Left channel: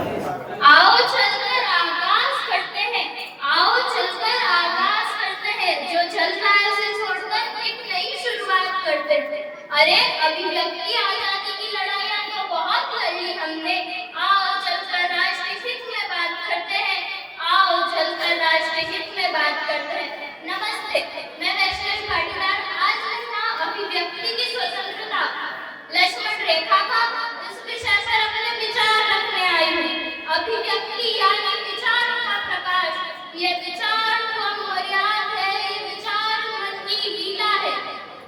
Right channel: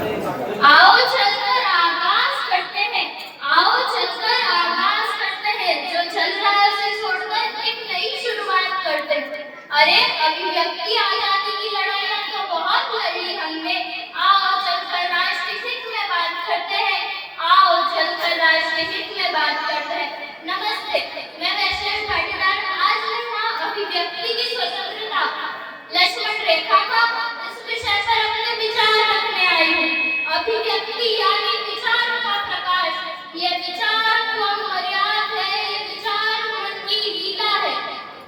आओ चलकर आगाज करते हैं, आओ चलकर आगाज करते हैं, जो चल रहा है उसे छोड़कर एक नई शुरुआत करते हैं। अरे अभिव्यक्ति आजादी की लड़ाई तो बहुत लड़ी हमने, आओ चलकर राष्ट्रीय हित में बात करते हैं, आओ चलकर राष्ट्रीय हित में बात करते हैं। नमस्ते, मैं वैष्णव पाटीदार आज मैं यहाँ अभिव्यक्ति की स्वतंत्रता लक्ष्मण रेखा का इस विषय पर अपने विचार रखने आई हूँ। अभिव्यक्ति यानी विचारों का प्रकाश, ये विचार को अमर्याद है, ये विचार मन की लीला है,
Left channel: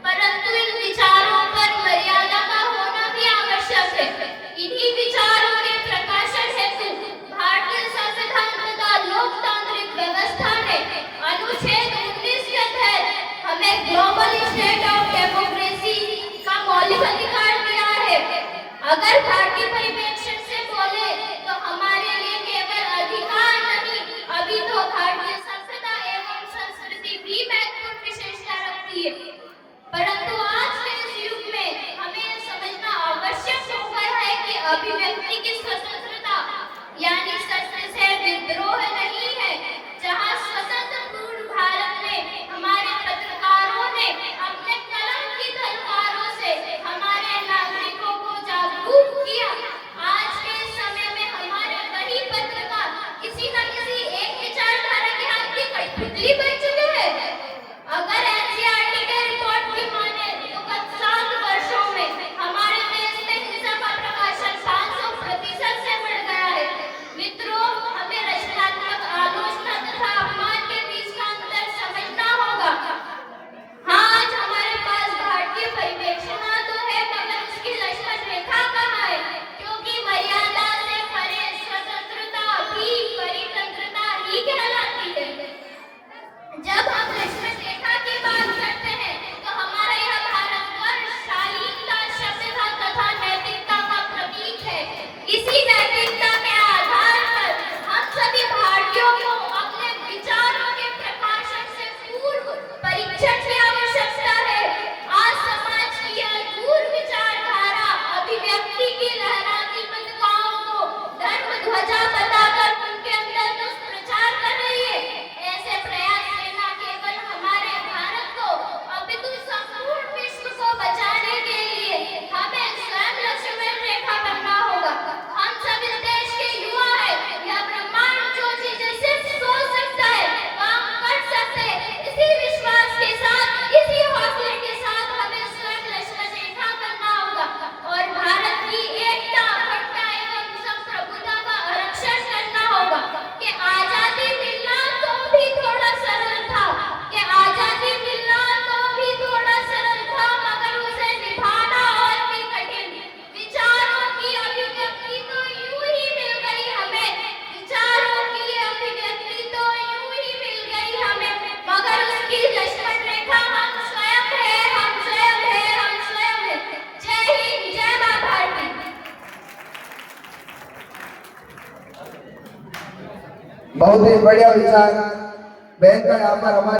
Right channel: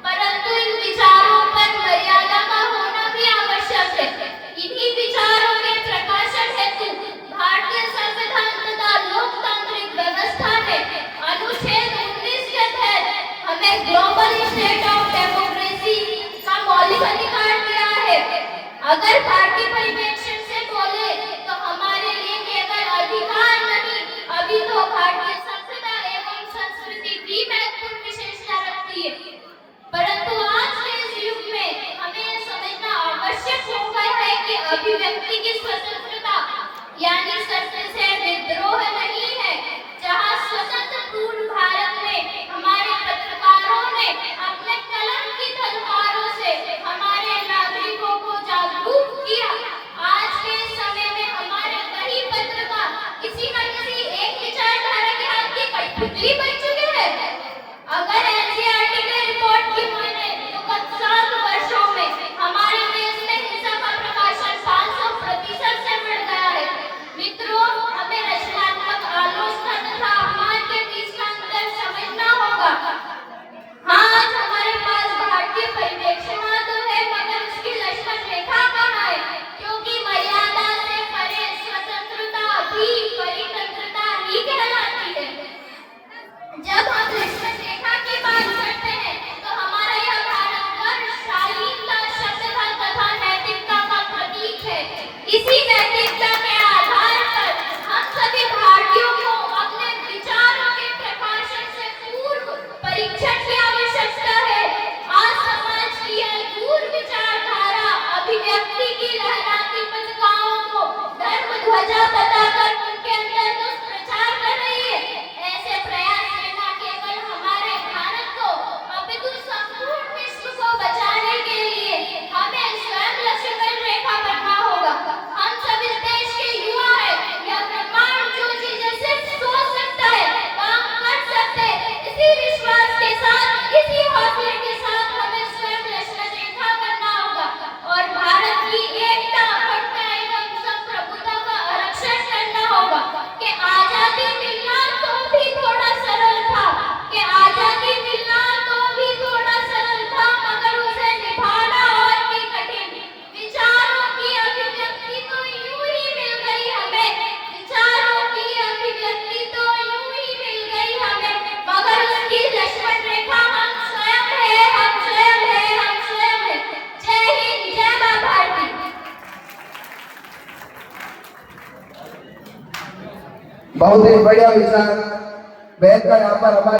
परंतु इन विचारों पर मर्यादा का होना भी आवश्यक है। इन्हीं विचारों के प्रकाशन हेतु भारतीय संविधान तथा लोकतांत्रिक व्यवस्था ने अनुच्छेद 19 के तहत हमें ग्लोबल स्टेट ऑफ डेमोक्रेसी का मौलिक अधिकार दिया है। अगर भारतीय परिप्रेक्ष्य से बोले तो हमारे लिए केवल अधिकार नहीं, अभी तो भारतीय सभ्यता एवं संस्कृति भी महत्वपूर्ण विशेषता रखती है। परंतु आज के इस युग में हमें समझना आवश्यक हो गया है कि अभिव्यक्ति की स्वतंत्रता यानी सत्य से विद्रोह नहीं है। जहाँ स्वतंत्र पूर्ण भारत में हमारे पत्रकारों ने अपने कलम की तलवारों से हमारे नागरिकों को जागरूक किया, आज के समय में हमारे कई पत्रकार किसी न किसी एक विचारधारा के हाथ की कठपुतली बन चुके हैं। अगर एनसीईआरटी के रिपोर्ट की माने तो गत 7 वर्षों में हमारे देश में हिंसा का प्रकाशन 500% से बढ़ गया है। मित्रों, हमें रचनात्मक आलोचना तथा अपमान के बीच का अंतर समझना होगा। हाँ, आज हमारे पास भारतीय परिप्रेक्ष्य तो है, मगर उसकी लक्ष्मण रेखा कहाँ है? क्योंकि मर्यादा से परे स्वतंत्रता भी परितंत्रता ही कहलाती है। जब हम लक्ष्मण रेखा की बात करते हैं तो हमारा यह भारतवर्ष शालीनता, सभ्यता तथा नैतिकता का प्रतीक है। इसी नैतिकता के आधार पर हम सभी भारतीयों को अपने विचारों के प्रकाशन से पूर्व परीक्षण की आवश्यकता है। आज समाज की अद्भुत विचारधारा अभिव्यक्ति की लहराती पताकाओं को धर्म ध्वजा बताकर उनके अंदर दुष्प्रचार कर रही है। ऐसे प्रयास से न केवल हमारे भारत को अपितु संपूर्ण विश्व को बचाने के लिए हमें स्वयं लक्ष्मण रेखा बनना होगा। हम सब इस देश के युवा हैं, यह ब्रह्मांड जो चीजें सिर्फ सोच सकता है काम कर सकते हैं। इसी विश्वास के साथ, इसी हौसले के साथ हमें स्वयं लक्ष्मण रेखा बनना होगा और भारत की एकता, अखंडता एवं संप्रभुता का आरक्षण करना होगा। कि आजादी मिलना तो भी थोड़ा सरल था, कि आजादी मिलना तो भी थोड़ा सरल था, मगर उसे निभाना और भी कठिन। विचारों की अभिव्यक्ति तो यूं ही मिल गई हमें, विचारों की अभिव्यक्ति तो यूं ही मिल गई हमें, मगर उसकी लक्ष्मण रेखा हम स्वयं है, हम स्वयं है, हम स्वयं है। जय हिंद, जय मां भारती। बहुत ही बढ़िया विचार बहन का यहाँ पर हमारे